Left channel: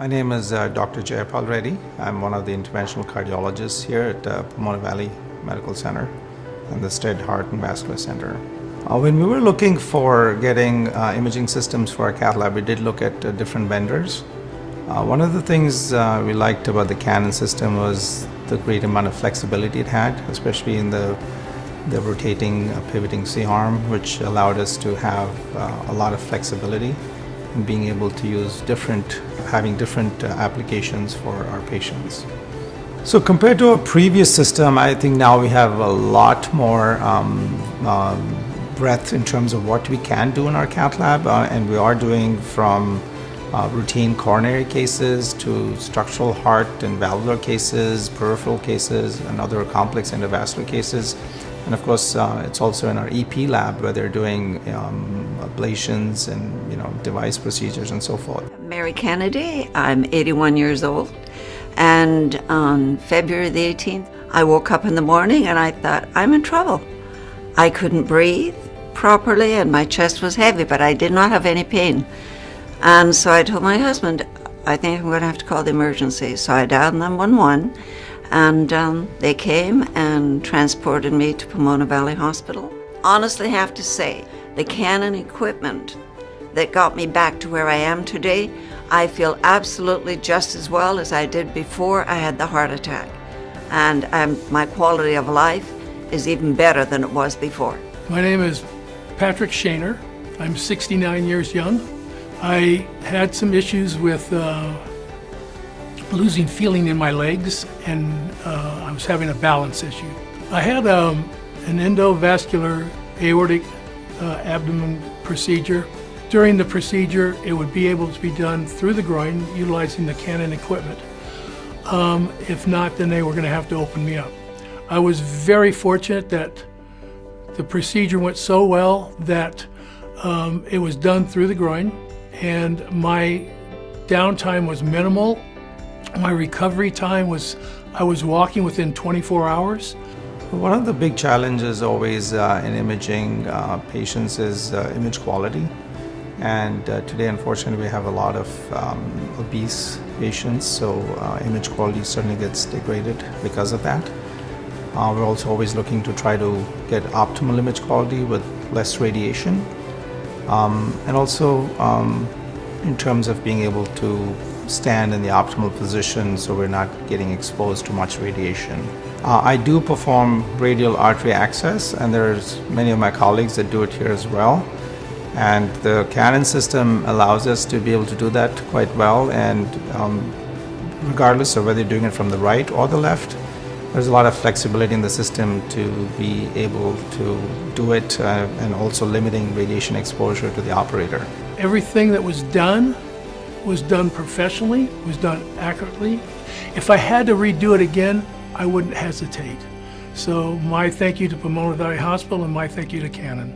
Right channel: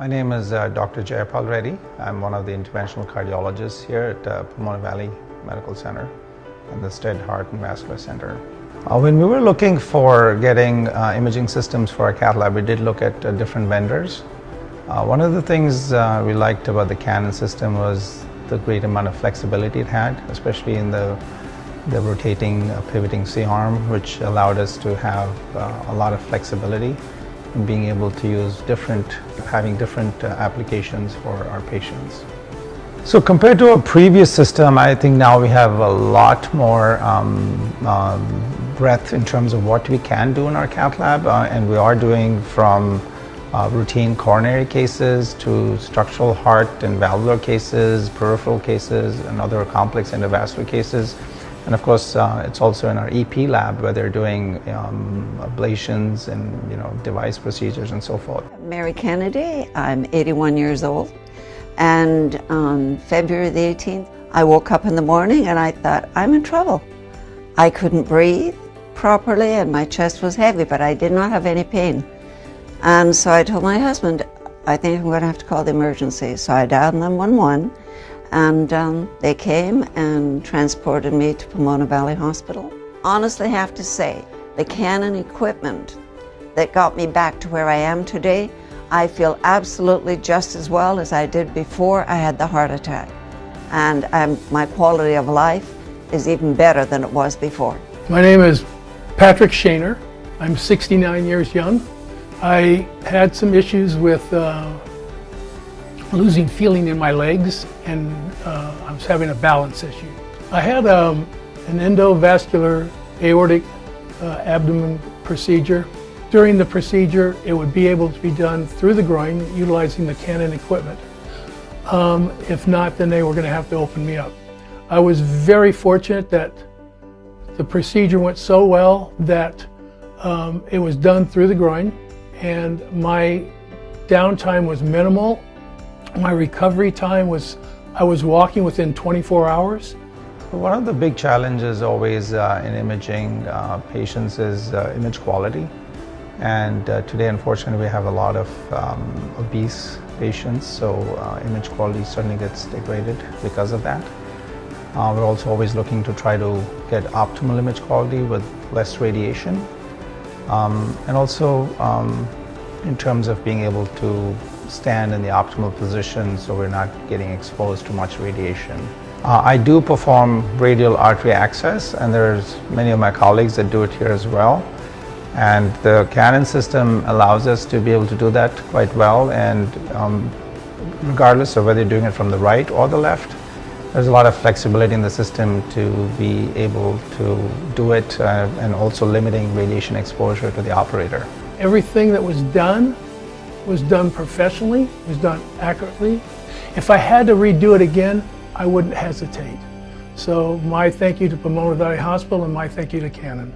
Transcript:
My name is Dr. Jayapal Reddy. I'm one of the interventional cardiologists here at Pomona Valley Medical Center and the Stead Heart and Vascular Center. When we were looking for getting imaging systems for our cath lab, we did look at different vendors. One of the things we liked about the Canon system was the great amount of flexibility it had, especially in the rotating pivoting C-arm, which allowed us to have a lot of flexibility in being able to use having different applications for our patients. So compared to a previous system, I think now we have a lot more breadth in terms of what we can do in our cath lab, and we are doing from routine coronary cases to structural heart and valvular cases, peripheral cases, and other complex endovascular cases. And of course, it's also in our EP lab where they're doing ablations and device procedures and so forth. Mary Kennedy, I'm 81 years old, and on February the 18th, I woke up in the morning and I thought, I'm in trouble. I couldn't breathe properly and my chest was heavy, but I did not have any pain. And so I told my husband, I think I'm going to have to call the emergency. So I dialed 911, and they came and transported me to Pomona Valley Hospital. Honestly, I have to say, the Canon equipment that got me back to where I am today, I feel absolutely just as well as I did before I had the heart attack. And my quality of life is even better than it was before. My name is Patrick Shaner. I'm 69 years young. I had some issues with losing feeling in my legs, and I was having a balance issue. I had an endovascular aortic abdomen procedure. During the procedure, it would be able to be done through the groin utilizing the Canon equipment. If not, then they were going to have to open me up. I was very fortunate that the procedure went so well that it was done through the groin, and my downtime was minimal. My recovery time was, I was walking within 24 hours. One of the big challenges always in imaging patients is image quality. And today, unfortunately, we have a lot of obese patients, so image quality certainly gets degraded because of that. We're also always looking to try to get optimal image quality with less radiation. And also in terms of being able to stand in the optimal position so we're not getting exposed to much radiation. I do perform radial artery access, and there's many of my colleagues that do it here as well. And the Canon system allows us to be able to do that quite well, and regardless of whether you're doing it from the right or the left, there's a lot of flexibility in the system to be able to do it and also limiting radiation exposure to the operator. Everything that was done professionally, was done accurately. If I had to redo it again, I wouldn't hesitate. So my thank you to Pomona Valley Hospital and my thank you to Canon.